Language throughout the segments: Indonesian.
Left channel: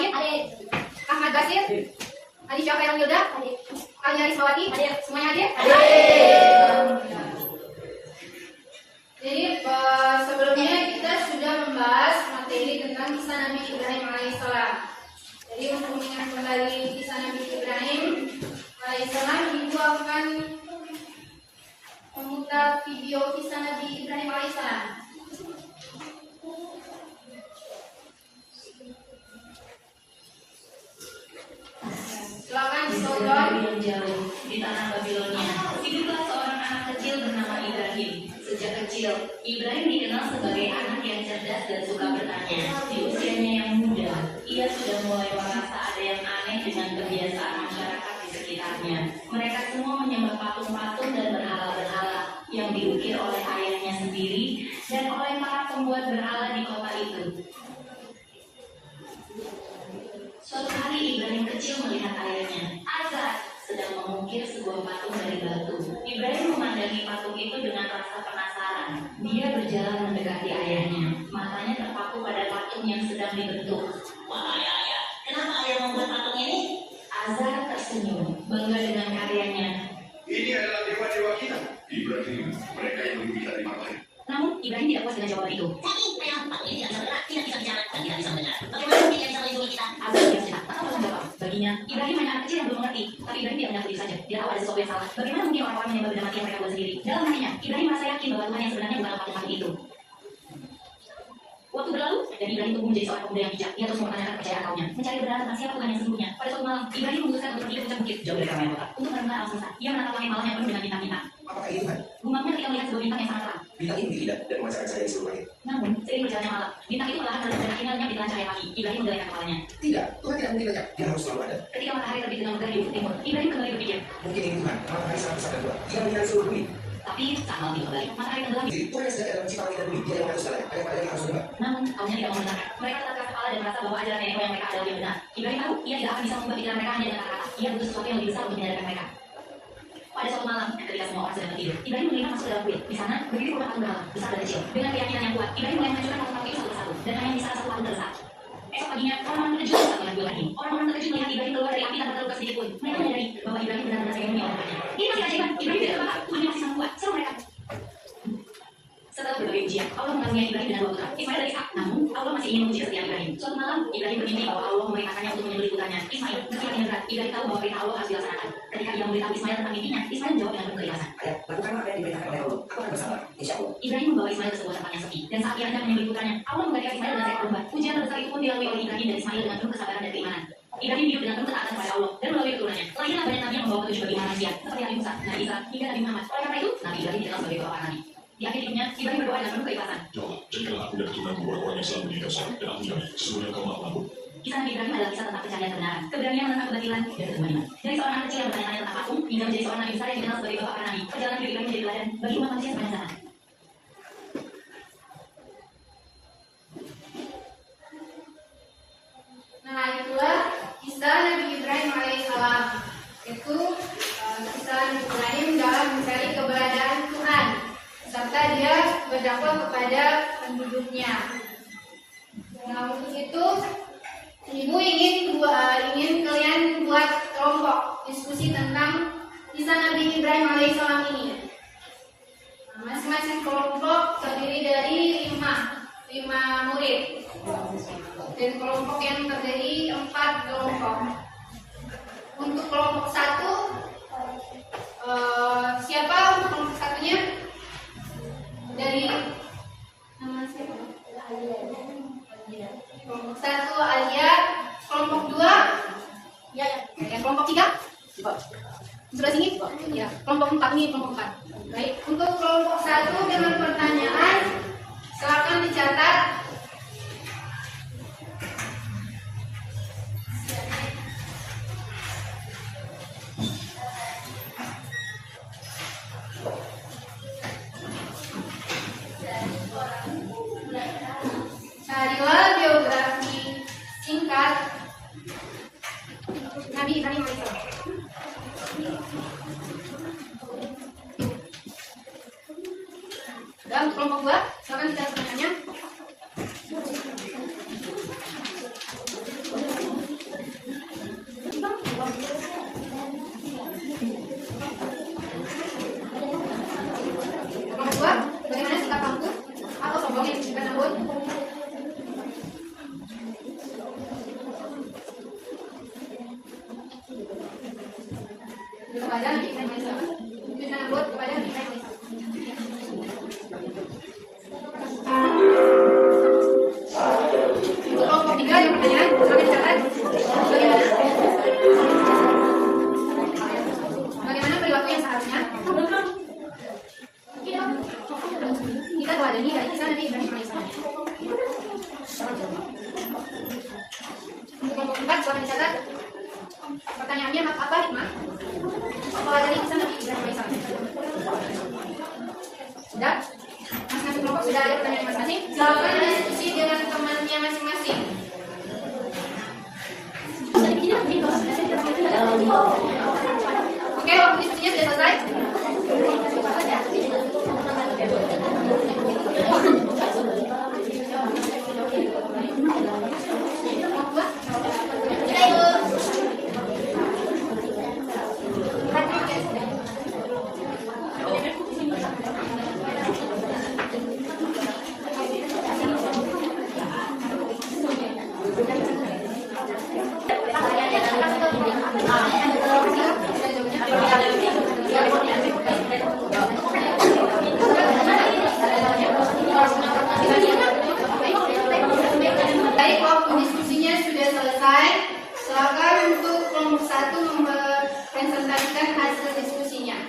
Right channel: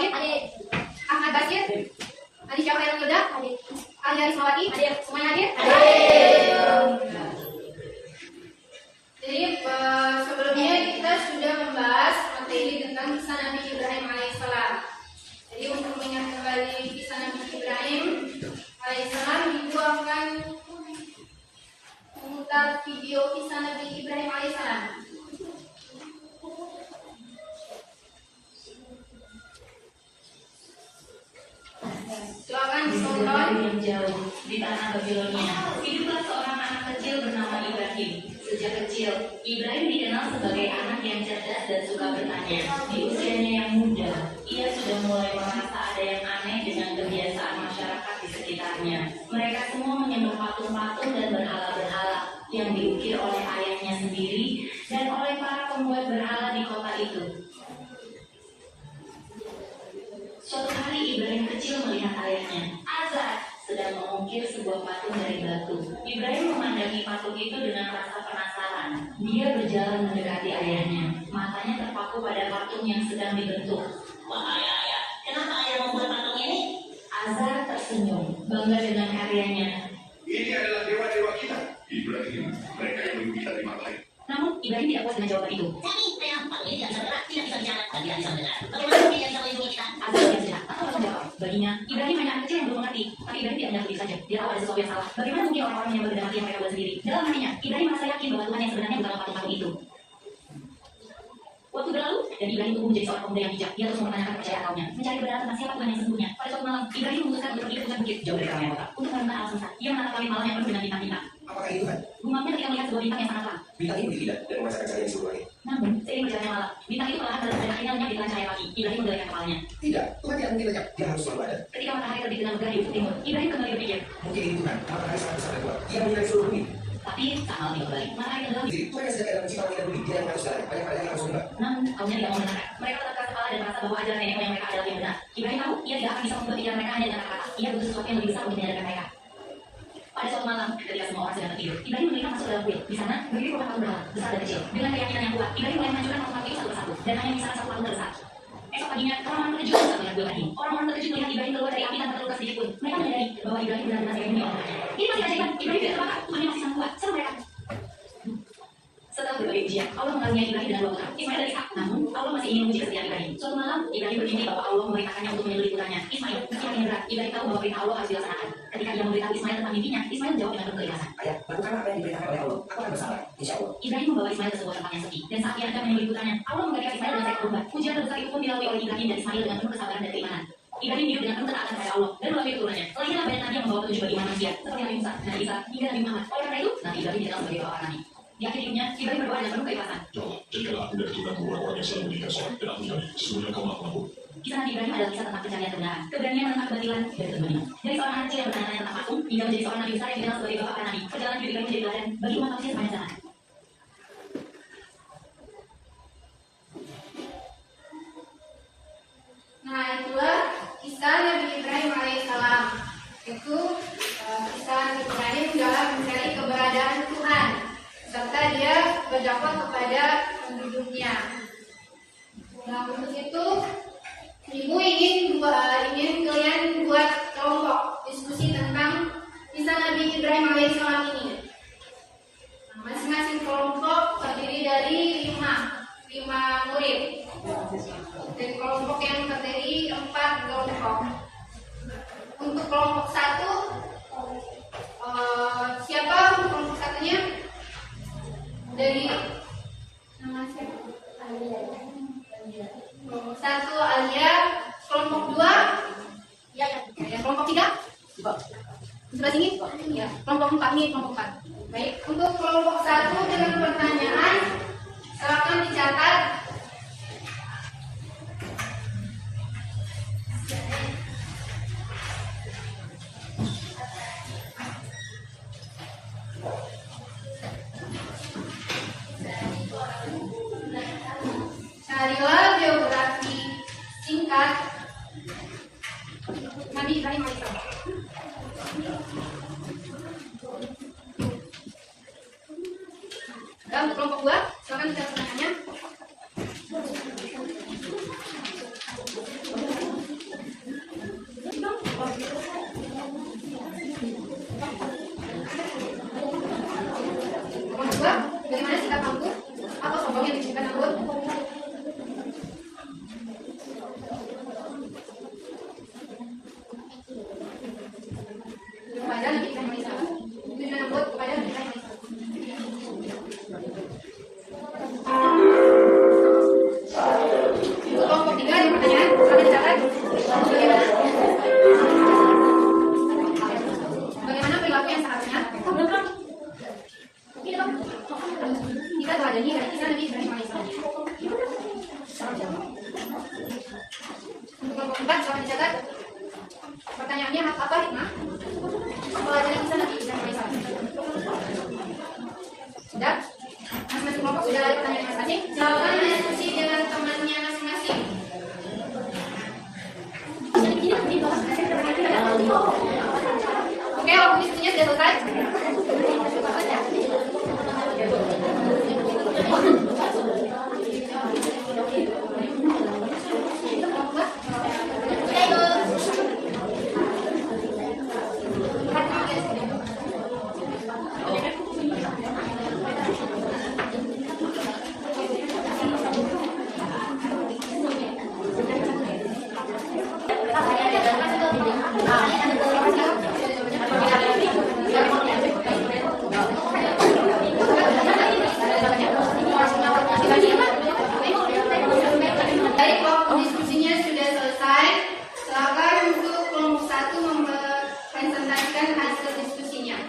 Wahid? Hadir. Ahmad Basir? Hadir. Adi Syafri Yilda? Hadir. Alia Rismawati? Hadir. Semuanya hadir? Hadir. Jadi sebelumnya kita sudah membahas materi tentang kisah Nabi Ibrahim alaihissalam. Jadi untuk mengingat kembali kisah Nabi Ibrahim alaihissalam, Ibu akan memutar video kisah Nabi Ibrahim alaihissalam. Silakan ditonton. Yang jauh di tanah Babilonia, hiduplah seorang anak kecil bernama Ibrahim. Sejak kecil, Ibrahim dikenal sebagai anak yang cerdas dan suka bertanya. Di usianya yang muda, ia sudah mulai merasa ada yang aneh dengan kebiasaan masyarakat di sekitarnya. Mereka semua menyembah patung-patung dan berhala-berhala yang diukir oleh ayahnya sendiri dan oleh para pembuat berhala di kota itu. Suatu hari Ibrahim kecil melihat ayahnya, Azar, sedang mengukir sebuah patung dari batu. Ibrahim memandangi patung itu dengan rasa penasaran. Dia berjalan mendekati ayahnya. Matanya terpaku pada patung yang sedang dibentuk. Wahai ayah, kenapa ayah membuat patung ini? Azar tersenyum, bangga dengan karyanya. Ini adalah dewa-dewa kita, Ibrahim. Mereka yang lebih kita terima kasih. Namun Ibrahim tidak puas dengan jawaban itu. Tapi patung ini tidak bisa bergerak, tidak bisa bicara, dan tidak bisa mendengar. Bagaimana dia bisa melindungi kita? Azar diam sejenak, tak tahu harus menjawab. Baginya, Ibrahim hanya anak kecil yang belum mengerti. Tapi Ibrahim tidak menyangkut diri saja. Dia tahu ada sesuatu yang salah. Bagaimana mungkin orang-orang menyembah benda mati yang mereka buat sendiri? Dalam hatinya, Ibrahim merasa yakin bahwa Tuhan yang sebenarnya bukanlah patung-patung itu. Waktu berlalu, dan Ibrahim tumbuh menjadi seorang pemuda yang bijak. Dia terus mempertanyakan kepercayaan kaumnya, mencari kebenaran tentang siapa Tuhan yang sesungguhnya. Pada suatu malam, Ibrahim memutuskan untuk pergi ke puncak bukit jauh dari keramaian kota untuk merenungkan alam semesta. Ia menatap langit malam yang penuh dengan bintang-bintang. Apakah ini Tuhan? Gumamnya ketika melihat sebuah bintang yang sangat terang. Bintang ini tidak dan memancarkan cahaya di seluruh langit. Namun, seiring berjalannya malam, bintang itu perlahan terlihat dan akhirnya lenyap di tengah cahaya pagi. Ibrahim menggelengkan kepalanya. Tidak, Tuhan tidak mungkin lenyap. Dia harus selalu ada. Ketika matahari terbit dengan megah di ufuk timur, Ibrahim kembali berpikir. Mungkin ini Tuhan, matahari sangat besar dan kuat. Dia menyinari seluruh bumi. Tapi saat malam tiba kembali, matahari tenggelam. Jadi, Tuhan yang sedang dalam mencipta langit dan bumi, dia yang mengatur segalanya. Hanya padanya yang harus menyembah. Namun, kaumnya tidak mau mendengarkan. Mereka tetap keras kepala dan merasa bahwa ajaran nenek moyang mereka adalah yang benar. Ibrahim tahu ia tidak akan bisa membuat pikiran mereka hanya dengan kata-kata. Ia butuh sesuatu yang lebih besar untuk menyadarkan mereka. Pada suatu malam, ketika semua orang sedang tertidur, Ibrahim melihat masuk ke dalam kuil. Di sana, berdiri puluhan patung berhala, besar dan kecil. Dengan keyakinan yang kuat, Ibrahim mulai menghancurkan patung-patung itu satu persatu, dan hanya di salah satu patung terbesar. Esok paginya, orang-orang terkejut saat melihat kuil lagi. Orang-orang terkejut melihat Ibrahim keluar dari api tanpa terluka sedikit pun. Mereka menyadari bahwa Ibrahim benar-benar melindungi orang-orangnya. Ini masih keajaiban. Ibrahim tidak terbakar, Tuhan masih sangat kuat. Seru mereka. Setelah berbagai ujian, Allah mengaruniai Ibrahim dengan dua putra, Ismail dan Ishak. Namun, Allah masih ingin menguji kesetiaan Ibrahim. Suatu malam, Ibrahim bermimpi bahwa Allah memerintahkannya untuk menyelidiki putranya, Ismail. Meski yakin berat, Ibrahim tahu bahwa perintah Allah harus dilaksanakan. Ketika ia memberitahu Ismail tentang mimpinya, Ismail menjawab dengan penuh keikhlasan. Ayah, lakukanlah apa yang diperintahkan oleh Allah. Aku akan bersabar, insya Allah. Ibrahim membawa Ismail ke sebuah tempat yang sepi, dan saat ia hendak menyembelih putranya, Allah memberikan Ismail dengan seekor domba. Ujian terbesar itu pun dilalui oleh Ibrahim dan Ismail dengan penuh kesabaran dan keimanan. Ibrahim hidup dengan penuh ketaatan kepada Allah dan melalui keturunannya. Lahirlah banyak nabi yang membawa petunjuk bagi manusia, seperti Nabi Musa, Nabi Isa, hingga Nabi Muhammad. Oleh karena itu, Nabi Ibrahim dikenal sebagai bapak nabi. Di akhir hidupnya, Ibrahim berdoa dengan penuh keikhlasan. Ya Allah, jadikanlah aku dan keturunanku orang-orang yang selalu meninggal sholat, dan aku jamin, sesungguhnya kau maha pengampun. Kisah Nabi Ibrahim adalah kisah tentang pencarian kebenaran, keberanian tentang kebatilan, dan ketemanan. Dari seorang anak kecil yang bertanya-tanya tentang patung, hingga menjadi seorang nabi besar yang dikenal sebagai bapak para nabi. Perjalanan hidup Ibrahim menjadi teladan bagi umat manusia sepanjang zaman. Nah, itulah kisah Nabi Ibrahim alaihissalam. Itu kisah Nabi Ibrahim dalam mencari keberadaan Tuhan, serta dia berdakwah kepada penduduknya. Nah, untuk itu Ibu ingin kalian buat kelompok diskusi tentang kisah Nabi Ibrahim alaihissalam ini. Nah, masing-masing kelompok terdiri dari lima murid. Dan kelompok yang terdiri 4 kelompok. Untuk kelompok 1, siapa untuk kelompok satunya? Dari nama siapa? Kelompok 1 Alia. Kelompok 2 ya. Kelompok 3 sebelah sini ya. Kelompok 4 ini kelompok 4. Baik, untuk kelompok 1 dengan pertanyaan silakan dicatat. Carilah biografi singkat Nabi Ibrahim alaihissalam. Dan untuk kelompok 2, silakan dicatat pertanyaannya. kepada Nabi Ibrahim alaihissalam. Tujuan Namrud kepada Nabi Ibrahim alaihissalam. Untuk kelompok 3 yang pertanyaan, silakan dicatat. Bagaimana perilaku yang seharusnya? Jika teladani dari kisah Nabi Ibrahim alaihissalam. Untuk kelompok 4, silakan dicatat. Pertanyaannya apa hikmah dari kisah Nabi Ibrahim alaihissalam? Sudah? Masing-masing kelompok sudah ada pertanyaan masing-masing. Silakan diskusi dengan temannya masing-masing. Oke, waktu diskusinya sudah selesai. Baik, waktu diskusinya sudah selesai. Silakan untuk kelompok 1 mempresentasikan hasil diskusinya.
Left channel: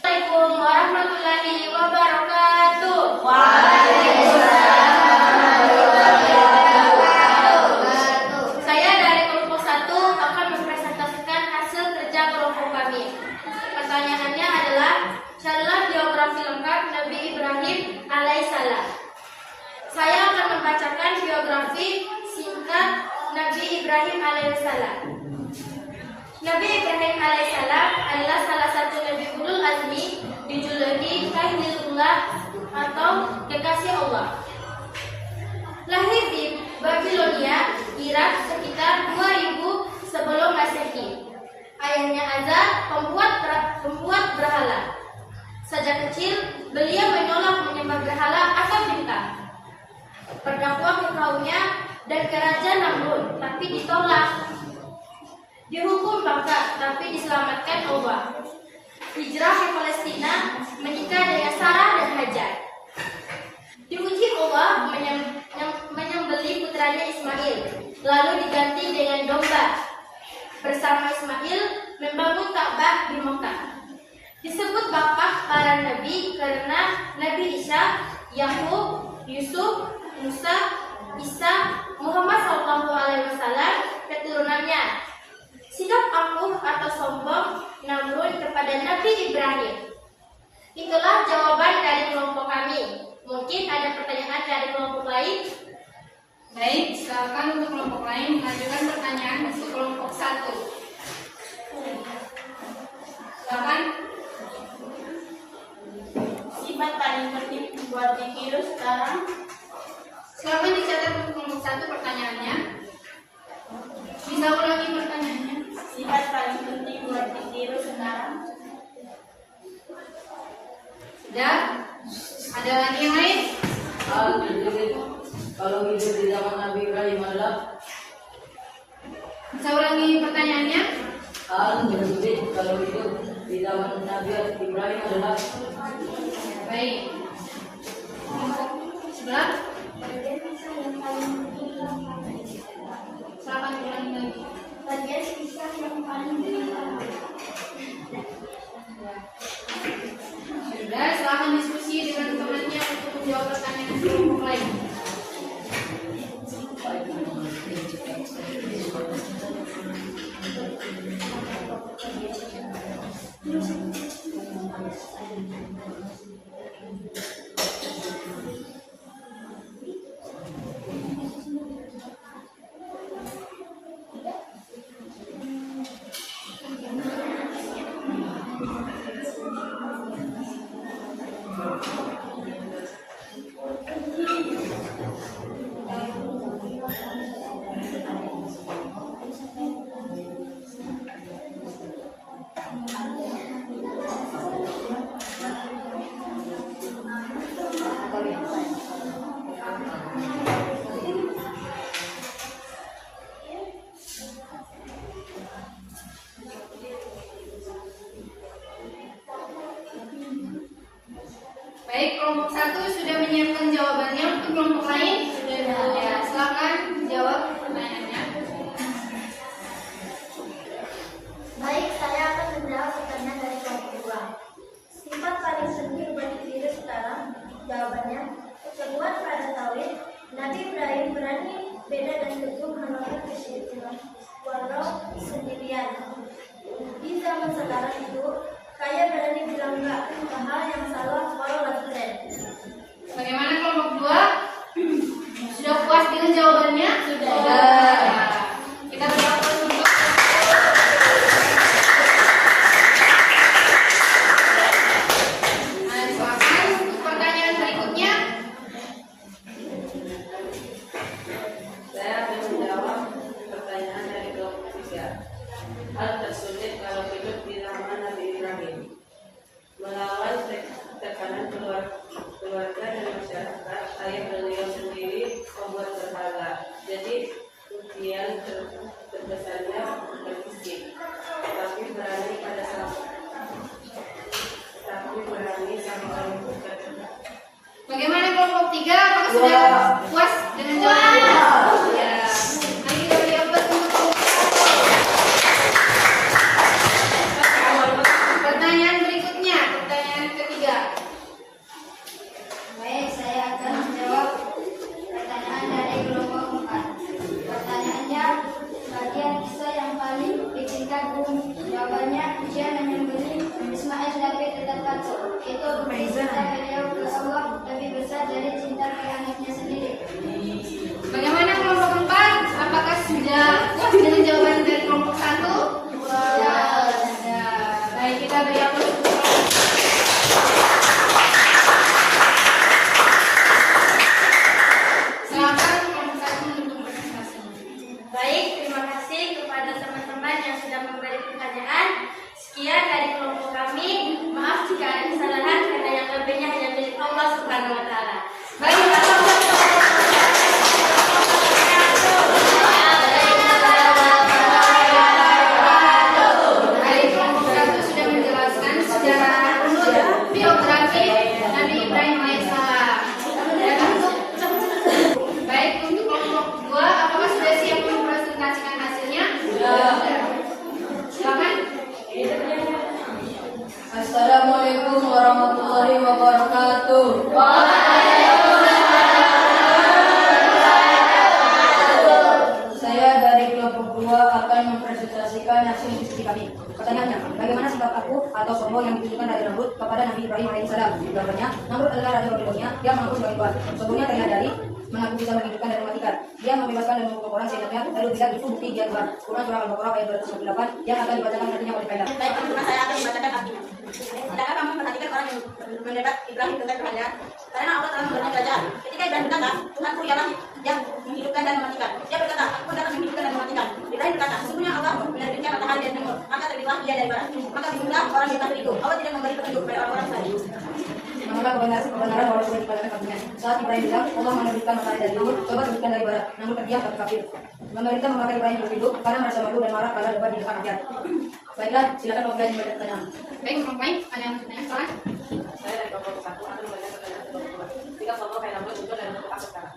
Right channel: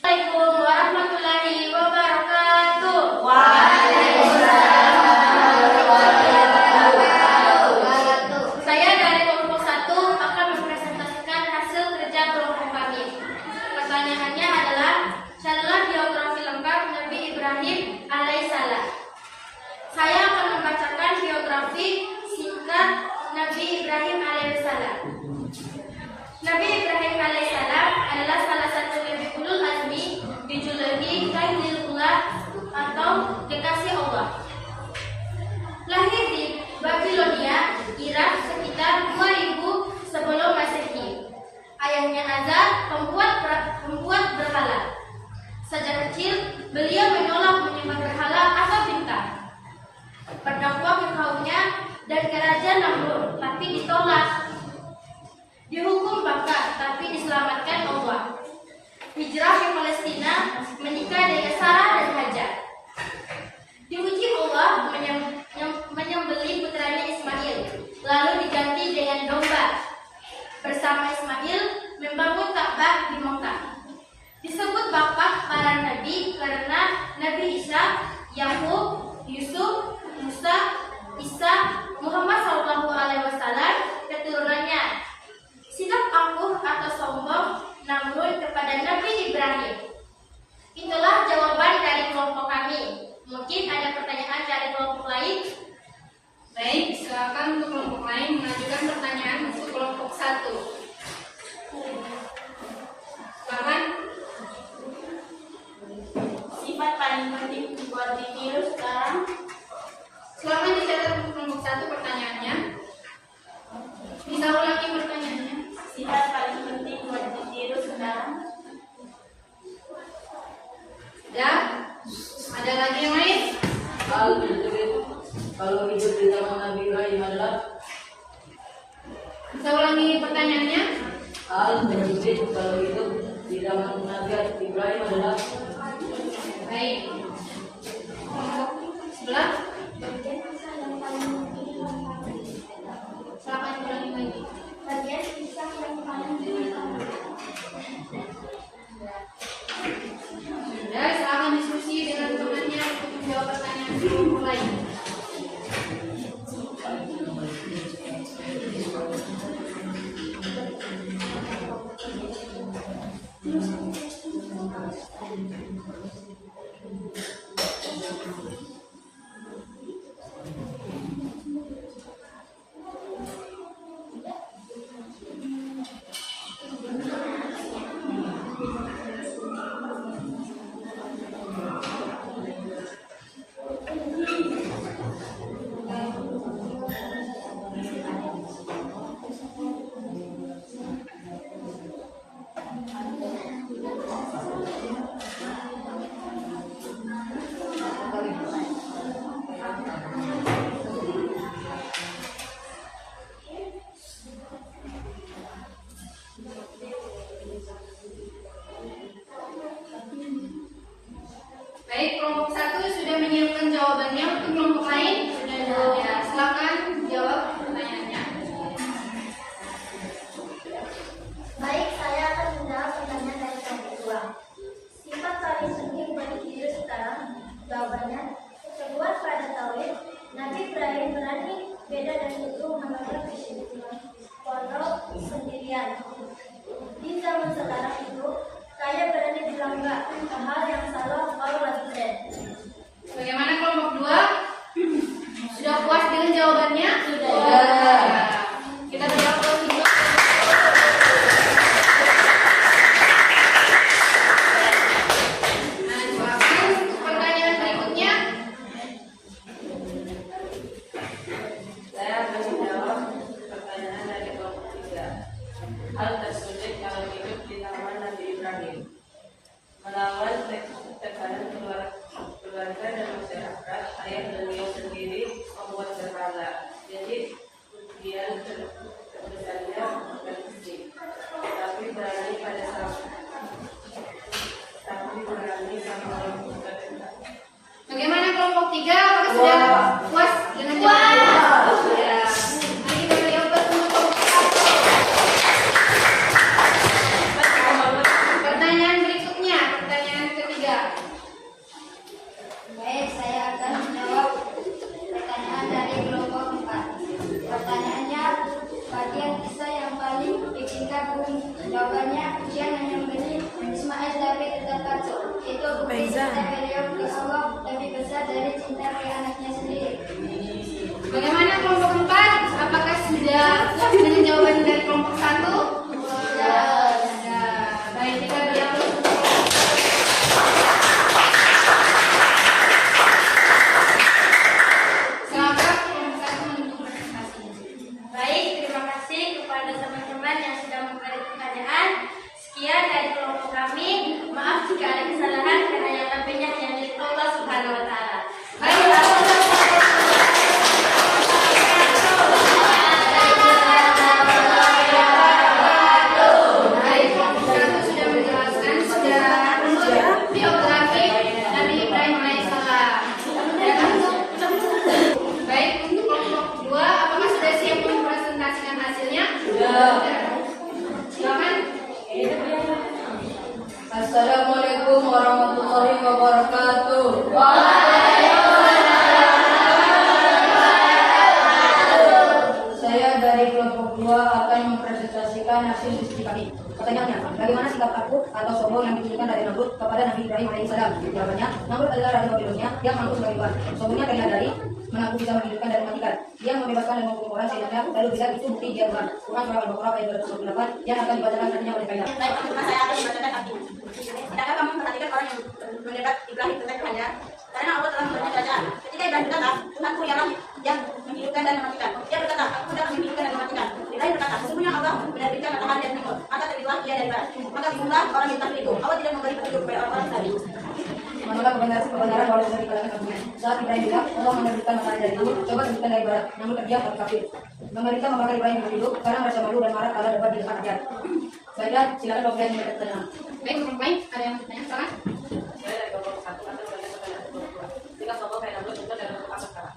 Assalamualaikum warahmatullahi wabarakatuh. Saya dari kelompok 1 akan mempresentasikan hasil kerja kelompok kami. Pertanyaannya adalah, carilah biografi lengkap Nabi Ibrahim alaihissalam. Saya akan membacakan biografi singkat Nabi Ibrahim alaihissalam. Nabi Ibrahim alaihissalam adalah salah satu Nabi ulul azmi, dijuluki Khalilullah atau kekasih Allah. Lahir di Babilonia, Irak sekitar 2000 sebelum Masehi. Ayahnya Azar, pembuat berhala. Sejak kecil, beliau menolak menyembah berhala atau bintang. Berdakwah ke kaumnya dan ke Raja Namrud, tapi ditolak. Dihukum bangka, tapi diselamatkan Allah. Hijrah ke Palestina, menikah dengan Sarah dan Hajar. Diuji Allah menyembelih putranya Ismail, lalu diganti dengan domba. Bersama Ismail membangun Ka'bah di Mekah. Disebut bapak para nabi karena Nabi Isa, Yakub, Yusuf, Musa, Isa, Muhammad SAW keturunannya. Sikap angkuh atau sombong Namrud kepada Nabi Ibrahim. Itulah jawaban dari kelompok kami. Mungkin ada pertanyaan dari kelompok lain? Baik, silakan untuk kelompok lain mengajukan pertanyaan untuk kelompok 1. Silakan. Sifat paling penting buat ditiru sekarang. Silakan dicatat untuk kelompok 1 pertanyaannya. Bisa ulangi pertanyaannya. Sifat paling penting buat ditiru sekarang. Sudah? Ada lagi yang lain? Hal tersebut kalau hidup di zaman Nabi Ibrahim adalah Bisa ulangi pertanyaannya? hal tersebut kalau hidup di zaman Nabi Ibrahim adalah Baik. Kelompok sebelah. Silakan ulangi lagi. Bagian kisah yang paling menyenangkan. Sudah, silakan diskusi dengan temannya untuk menjawab pertanyaan kelompok lain. demikian. Di zaman sekarang itu, saya berani bilang enggak ke hal yang salah walau nggak keren. Bagaimana kelompok 2? Sudah puas dengan jawabannya? Sudah. Kita beri aplaus dulu. Nah, silakan pertanyaan berikutnya. Saya akan menjawab pertanyaan dari kelompok 3. Hal tersulit kalau hidup di zaman Nabi Ibrahim. Melawan tekanan keluarga dan masyarakat, ayah beliau sendiri membuat berhala. Jadi ujian terbesarnya bukan fisik, tapi berani sama orang tua. Bagaimana kelompok 3? Apakah sudah puas dengan jawabannya? Ya. Nah, kita beri aplaus untuk kelompok 4. Pertanyaan berikutnya, pertanyaan ketiga. Baik, saya akan menjawab pertanyaan dari kelompok 4. Pertanyaannya, bagian kisah yang paling bikin kagum. Jawabannya, ujian hanya memberi Ismail tapi tetap patuh. Itu bukti cinta beliau ke Allah lebih besar dari cinta ke anaknya sendiri. Bagaimana kelompok 4? Apakah sudah puas dengan jawaban dari kelompok 1? Sudah. Baik, kita beri aplaus untuk kelompok 1. Silakan kelompok 1 menunjukkan prestasinya. Baik, terima kasih kepada teman-teman yang sudah memberi pertanyaan. Sekian dari kelompok kami. Maaf jika ada kesalahan, karena yang lebihnya hanya milik Allah Subhanahu wa Ta'ala. Baik, Baik, kelompok 1 sudah menjelaskan secara runut biografi Nabi Ibrahim alaihissalam. Baik, untuk kelompok 2, apakah sudah siap mempresentasikan hasilnya? Sudah. Silakan. Assalamualaikum warahmatullahi wabarakatuh. Saya dari kelompok 2 akan mempresentasikan hasil diskusi kami. Pertanyaannya, bagaimana sikap aku atau sombong yang ditunjukkan Raja Namrud kepada Nabi Ibrahim alaihissalam? Jawabannya, Namrud adalah Raja Babilonia yang mengaku sebagai Tuhan. Sombongnya terlihat dari mengaku bisa menghidupkan dan mematikan. Dia membebaskan dan menghukum orang seenaknya, lalu bilang itu bukti dia Tuhan. Quran surah Al-Baqarah ayat 228 yang akan dibacakan nantinya oleh Faida. Baik, teman-teman, saya akan membacakan artinya. Tidakkah kamu memperhatikan orang yang mendekat Ibrahim tentang Tuhannya? Karena Allah telah memberinya kerajaan. Ketika Ibrahim berkata, Tuhanku ialah yang menghidupkan dan mematikan. Dia berkata, aku dapat menghidupkan dan mematikan. Ibrahim berkata, sesungguhnya Allah menerbitkan matahari dari timur, maka terbitlah ia dari barat. Maka bingunglah orang yang takut itu. Allah tidak memberi petunjuk kepada orang-orang tadi. Menolak kebenaran walau sudah dikatakan kafinya. Saat Ibrahim bilang, Allah menerbitkan matahari dari timur, coba terbitkan dari barat. Namun terdiam tapi kafir. Pemerintah membakar Ibrahim hidup karena merasa malu dan marah karena debat di depan rakyat. Baiklah, silakan Bapak yang memberikan pertanyaan. Baik, kelompok lain ada yang mau bertanya? Silakan. Saya dari kelompok 1 akan memberikan pertanyaan untuk kelompok 2. Jika kelompok Faida belum muncul dan untuk apa sekarang?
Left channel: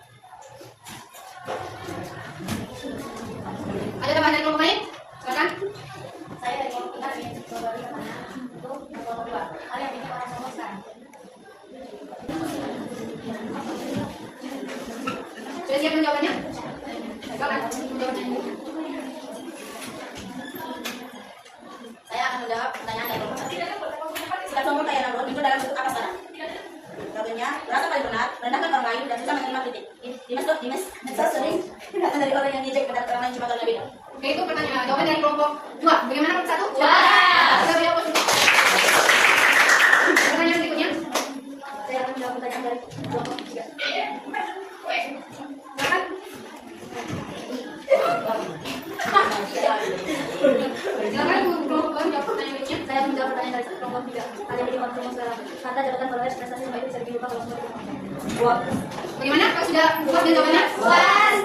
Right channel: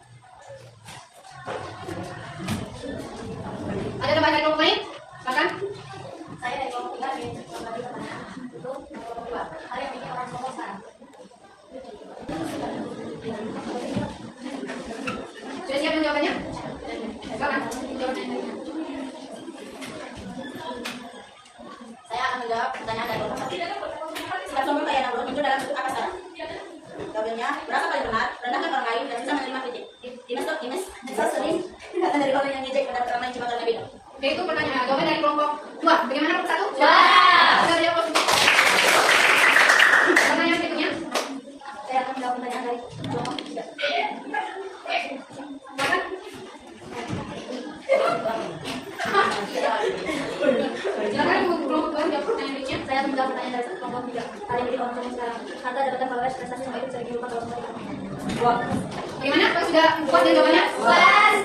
Ada tambahan dari kelompok lain? Silakan. Saya dari kelompok 3 ingin memberi pertanyaan untuk kelompok 2. Hal yang bikin orang sombong sekarang. Sudah siap menjawabnya? Silakan. Jawabannya. Saya akan menjawab pertanyaan dari kelompok 1. Sikap sombong kayak Namrud itu dalam bentuk apa sekarang? Jawabannya, merasa paling benar, merendahkan orang lain, dan bisa menerima kritik. Dimes sering datang dari orang yang ngejek terhadap orang lain cuma karena beda. Oke, itu pertanyaan. Jawaban dari kelompok 2. Bagaimana kelompok 1? Kita beri aplaus untuk pertanyaan berikutnya. Saya akan menjawab pertanyaan dari kelompok 3. Silakan. Silakan untuk kelompok 2 menjawab pertanyaan berikutnya. Saya akan menjawab pertanyaan dari kelompok 3. Hal yang bikin orang sombong sekarang. Harta, jabatan, followers, prestasi, semua itu bisa diubah kalau semua tidak. Bagaimana? Apakah sudah puas dengan jawabannya? Puas.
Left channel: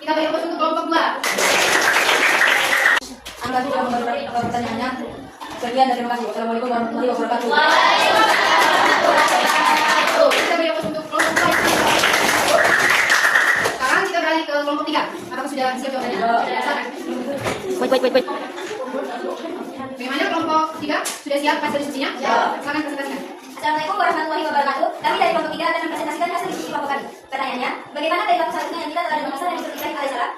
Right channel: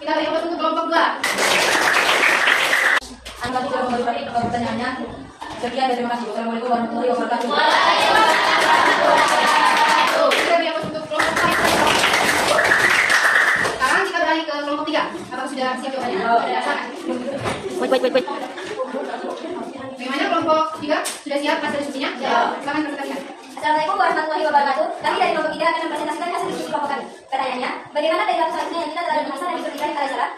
Kita beri aplaus untuk kelompok 2. Anda sudah memberi pertanyaannya. Sekian dan terima kasih. Wassalamualaikum warahmatullahi wabarakatuh. Kita beri aplaus untuk kelompok 2. Sekarang kita beralih ke kelompok 3. Apakah sudah siap jawabannya? Sudah. Silakan. Wait. Bagaimana kelompok 3? Sudah siap hasil diskusinya? Silakan presentasikan. Assalamualaikum warahmatullahi wabarakatuh. Kami dari kelompok 3 akan mempresentasikan hasil diskusi kelompok kami. Pertanyaannya, bagaimana perilaku selanjutnya yang kita telah ada masalah yang berkaitan dengan salah?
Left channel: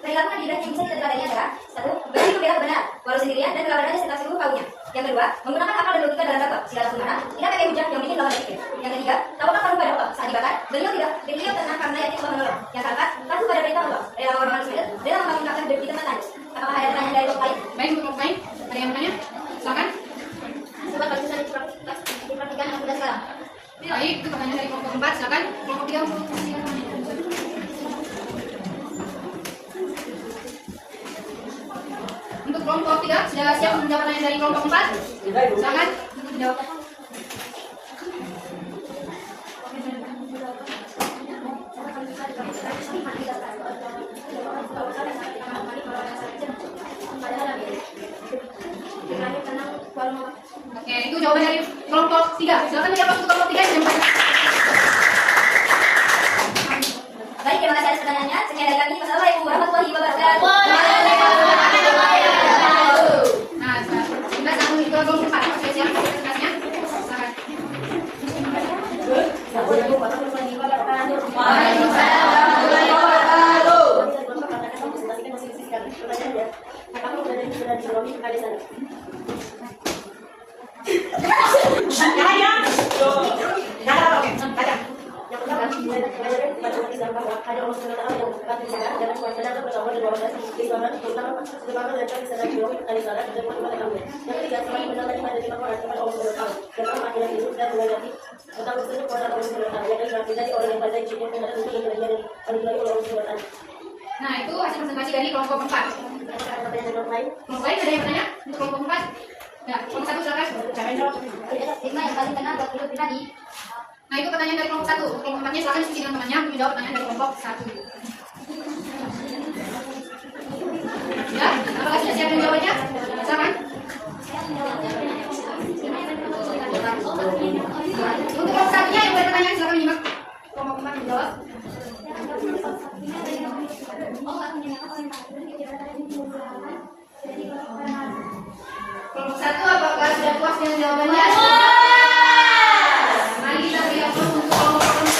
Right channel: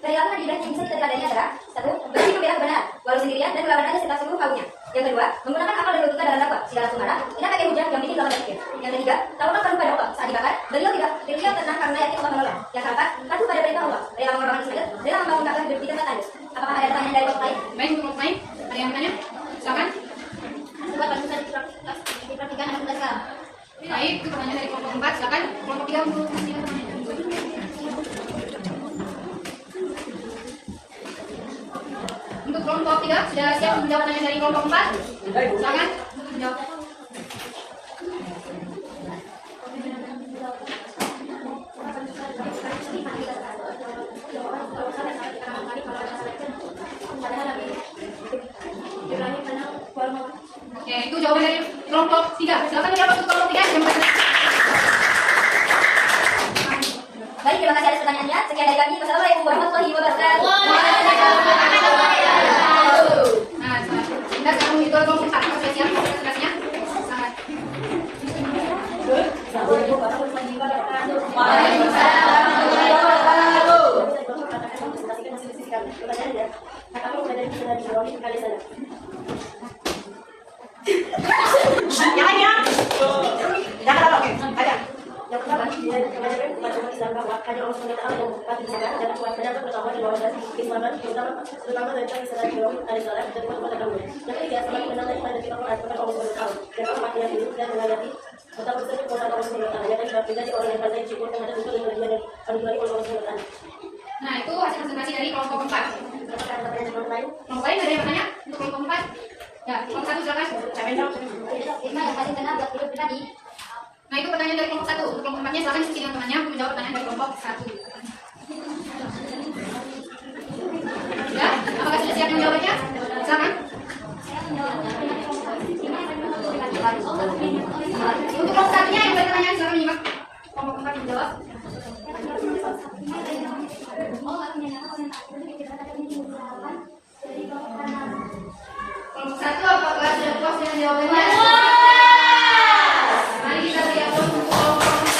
Perilaku Nabi Ibrahim yang bisa diteladani adalah: 1. Berani membela kebenaran, walau sendirian dan melawan setelah seluruh kaumnya. Yang kedua, menggunakan akal dan logika dalam dakwah segala sumana, tidak pakai hujah yang bikin lawan berpikir. Yang ketiga, tawakal pada Allah saat dibakar, beliau tenang karena yakin Allah menolong. Yang keempat, patuh pada perintah Allah, rela mengorbankan sendiri, rela membangun Ka'bah di tempat tandus. Apakah ada pertanyaan dari kelompok lain? Baik, untuk kelompok lain, ada yang bertanya? Silakan. Coba kalau bisa dipraktikan dengan mudah sekarang. Baik, itu pertanyaan dari kelompok 4, silakan. Kelompok 3 untuk Untuk kelompok 3 sudah siap menjawab pertanyaan dari kelompok 4? Silakan untuk menjawab. Oke, itu jawaban dari kelompok 3. Silakan dijawab untuk kelompok 3. Baik, terima kasih atas pertanyaannya. Sekian dari kami. Wassalamualaikum warahmatullahi wabarakatuh. Nah, kita sekarang itu kelompok 4. Sudah siap tugasnya? Silakan. Yang pertama, mengajarkan kepada umat Islam bahwa hanya Allah SWT yang dapat disembah dan sedangkan bertambah di bawah keislaman, terutama tentang Islam Ibrahim alaihissalam dan umat kaumnya. Yang ketiga, semakin benar lagi pada Al-Quran kepada Allah SWT dan Allah makin hidup dan mengerti tentang tersebut kepada Allah SWT. Yang kelima, menjadi orang yang pandai bersyukur terhadap untuk yang berlian dan anugerah oleh Allah SWT. Nah, itu hasil presentasi dari kelompok 4. Kelompok lain Kelompok lain ada yang bertanya untuk kelompok 4? Ya, kelompok 1 silakan. Hikmah yang paling benar buat hidup pribadi. Nah, itu pertanyaan dari kelompok 1. Untuk kelompok 4-nya silakan diskusi dengan temannya untuk menjawab pertanyaan dari kelompok 1. Ya, apakah sudah siap menjawabnya? Silakan. Untuk kelompok 1-nya yang bertanya silakan menyimak. Kelompok 4 menjawab. Kelompok 1 apakah sudah puas dengan jawabannya? Mari kita lihat untuk kelompok 4.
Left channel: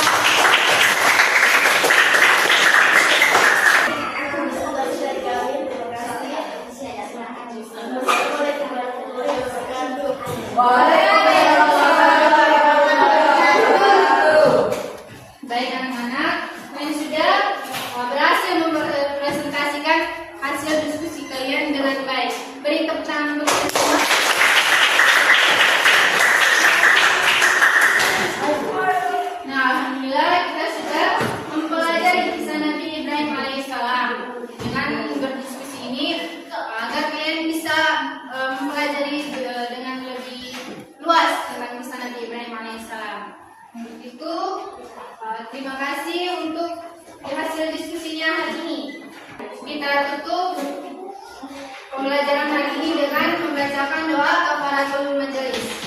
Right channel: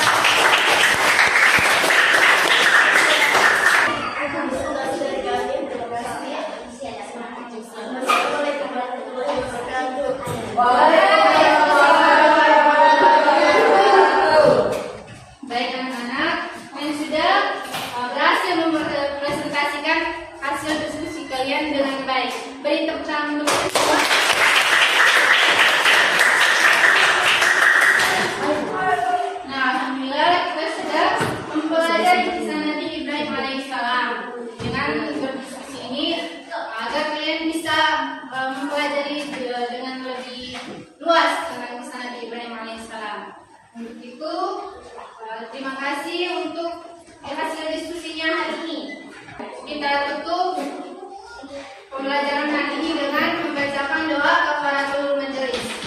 Baik anak-anak yang sudah berhasil mempresentasikan hasil diskusi kalian dengan baik. Beri tepuk tangan untuk kalian semua. Nah, alhamdulillah kita sudah mempelajari kisah Nabi Ibrahim alaihissalam. Dengan berdiskusi ini agar kalian bisa mempelajari dengan lebih luas tentang kisah Nabi Ibrahim alaihissalam. Untuk itu, terima kasih untuk hasil diskusinya hari ini. Kita tutup pembelajaran hari ini dengan membacakan doa kafaratul majelis.